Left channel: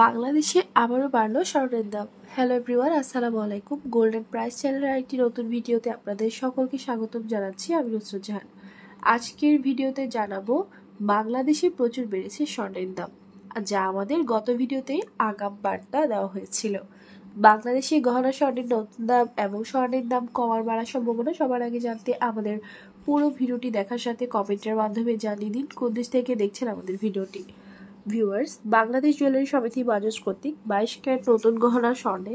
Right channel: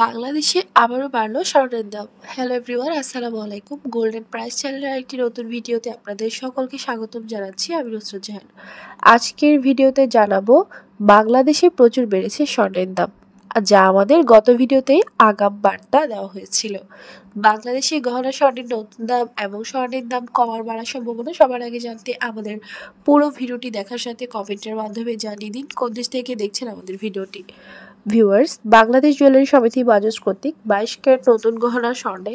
বাংলাদেশে আবারও বাড়লো স্বর্ণের দাম। হ্যালো এভরিওয়ান, আসসালামু আলাইকুম। গোল্ডেন প্রাইস চ্যানেলের একটি নতুন ভিডিওতে আপনাদের সকলকে স্বাগতম জানাচ্ছি। আমি নুসরাত জাহান। আজকের ভিডিওতে জানাবো বাংলাদেশে প্রচুর বেড়েছে স্বর্ণের দাম, যা আমাদের গত ভিডিওতে আগাম বার্তা দেওয়া হয়েছিল। বাংলাদেশে গহনা স্বর্ণের নতুন দাম এবং স্বর্ণের দাম কমার বাড়ার সম্ভাবনা সবার আগে জানতে আমাদের পুরো ভিডিওটি দেখার সাথে কমেন্টের মাধ্যমে জানিয়ে দিন কোন দেশ থেকে দেখছেন আমাদের ভিডিওটি। ভিউয়ার্স, বাংলাদেশ জুয়েলারি সমিতি বাজাজ কর্তৃক 22 ক্যারেট নতুন গহনা স্বর্ণে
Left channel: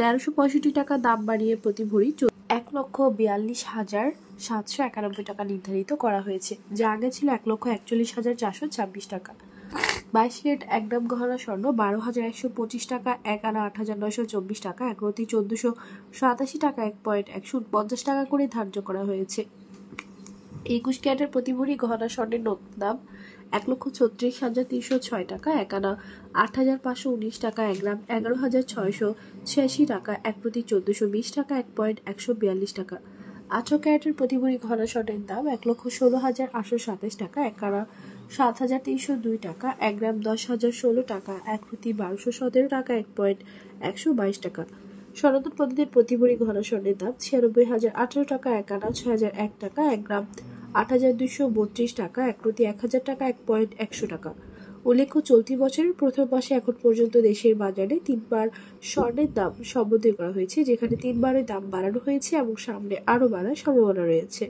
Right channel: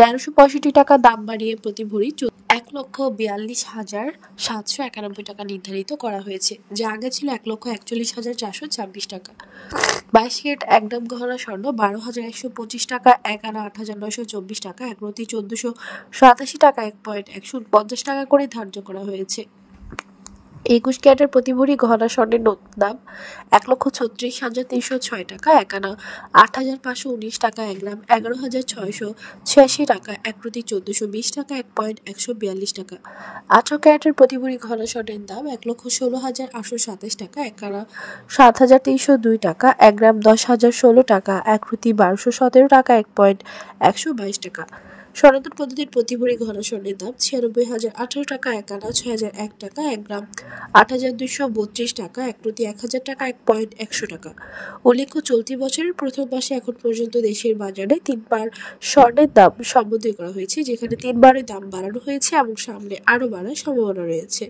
1365 টাকা দাম বাড়িয়ে প্রতি ভরি 1,42,791 টাকা নির্ধারিত করা হয়েছে, যা আগে ছিল 1,41,426 টাকা। 22 ক্যারেট এক গ্রাম গহনা স্বর্ণ 12,125 টাকা, 1 আনা 8,924 টাকা, 1 রতি 1487 টাকা, 1.150 টাকা করে ধার্য করা হয়েছে। 21 ক্যারেটের প্রতি ভরি গহনা স্বর্ণের নতুন দাম 1,36,306 টাকা, 1 আনা 8,519 টাকা, 1 গ্রাম 11,686 টাকা, 1 প্রতি 1420 টাকা, 1.142 টাকা। 18 ক্যারেটের প্রতি ভরি গহনা স্বর্ণের দাম 1,16,827 টাকা, 1 আনা 7,302 টাকা, 1 গ্রাম 10,016 টাকা, 1 প্রতি 1217 টাকা, 1.122 টাকা। সনাতন পদ্ধতির প্রতি ভরি গহনা স্বর্ণের দাম 96,018 টাকা, 1 আনা 6,001 টাকা, 1 গ্রাম 8,232 টাকা, 1 প্রতি 1,000 টাকা, 1.100 টাকা। উল্লেখ্য, চলতি বছরের প্রথম মাসে এখন পর্যন্ত দেশের বাজারে 3বার স্বর্ণের দাম সম্বোধন করা হয়েছে, যেখানে 3বারের দাম বাড়ানো হয়েছে এবং সামনে আরও বাড়ার সম্ভাবনা রয়েছে।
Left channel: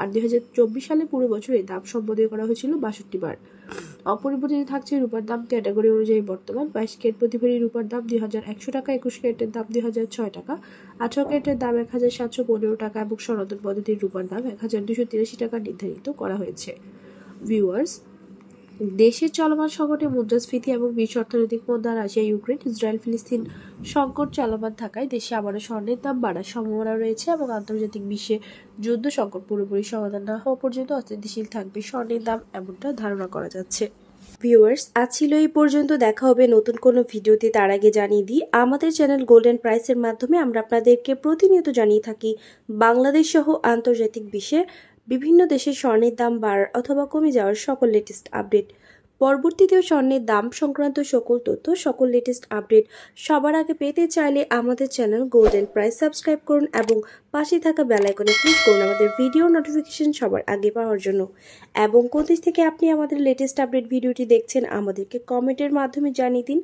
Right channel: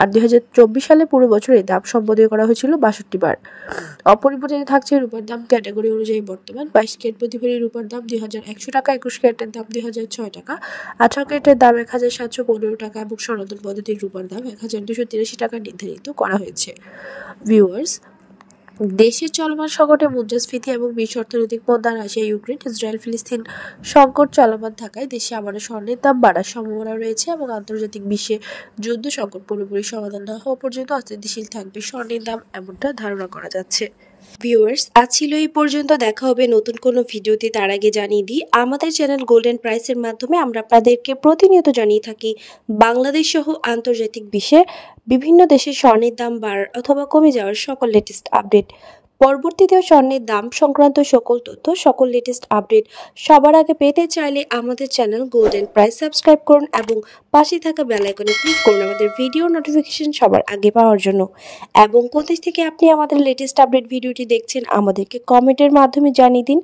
আর 2024 সালে পুরো বছরে দাম সম্বোধন করা হয়েছিল 62 বার। অপরিবর্তিত থাকছে রূপার দাম ক্যাটাগরি অনুযায়ী। বর্তমান 22 ক্যারেট প্রতি ভরি রূপার দাম 2,100 টাকা, 21 ক্যারেটের দাম 2,006 টাকা, 18 ক্যারেটের দাম 1,715 টাকা এবং সনাতন পদ্ধতির রূপার দাম 1,283 টাকা নির্ধারিত করা হয়েছে। ভিউয়ার্স, দেশের চলমান সংকটে মুদ্রাস্ফীতি এবং বিশ্ব অর্থনৈতিক মন্দা, রাশিয়া ইউক্রেন ইসরায়েল ফিলিস্তিন সংকট চলমান থাকায় দেশে আবারও স্বর্ণের দাম বাড়ার সম্ভাবনা রয়েছে এবং আন্তর্জাতিক বিশ্বে যুদ্ধ সংকট পুরোপুরি সমাধান না হওয়া পর্যন্ত অস্থিতিশীল থাকবে স্বর্ণের দাম, এমনটা ধারণা করা যাচ্ছে। ভিউয়ার্স, আজ ছিল এই পর্যন্ত। দেখা হবে নতুন কোনো ভিডিওতে। তার আগে জানিয়ে দিই, আমাদের চ্যানেল গোল্ডেন প্রাইসের মাধ্যমে আমরা আপনাদেরকে প্রতিনিয়ত জানিয়ে থাকি বাংলাদেশ সহ আন্তর্জাতিক বিশ্বে বিভিন্ন দেশের স্বর্ণের দাম বাড়ার অথবা কমে যাওয়ার সকল লেটেস্ট আপডেট। পরবর্তীতেও স্বর্ণের দাম সংক্রান্ত সকল তথ্য, সকল লেটেস্ট আপডেট সবার আগে পেতে চাইলে আমাদের চ্যানেল গোল্ডেন প্রাইস সাবস্ক্রাইব করুন এবং পাশে থাকা বেল আইকনে ক্লিক করুন আমাদের ভিডিও নোটিফিকেশন সবার আগে পাওয়ার জন্য। এবং কোন দেশ থেকে আপনি আমাদের লেটেস্ট আপডেট ভিডিওটি দেখছেন আমাদেরকে কমেন্টের মাধ্যমে জানিয়ে দিন।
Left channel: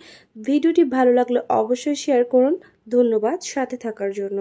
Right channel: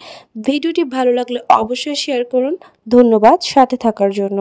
ভিডিওটি ভালো লাগলে অবশ্যই শেয়ার করুন। ধন্যবাদ সাথে থাকার জন্য।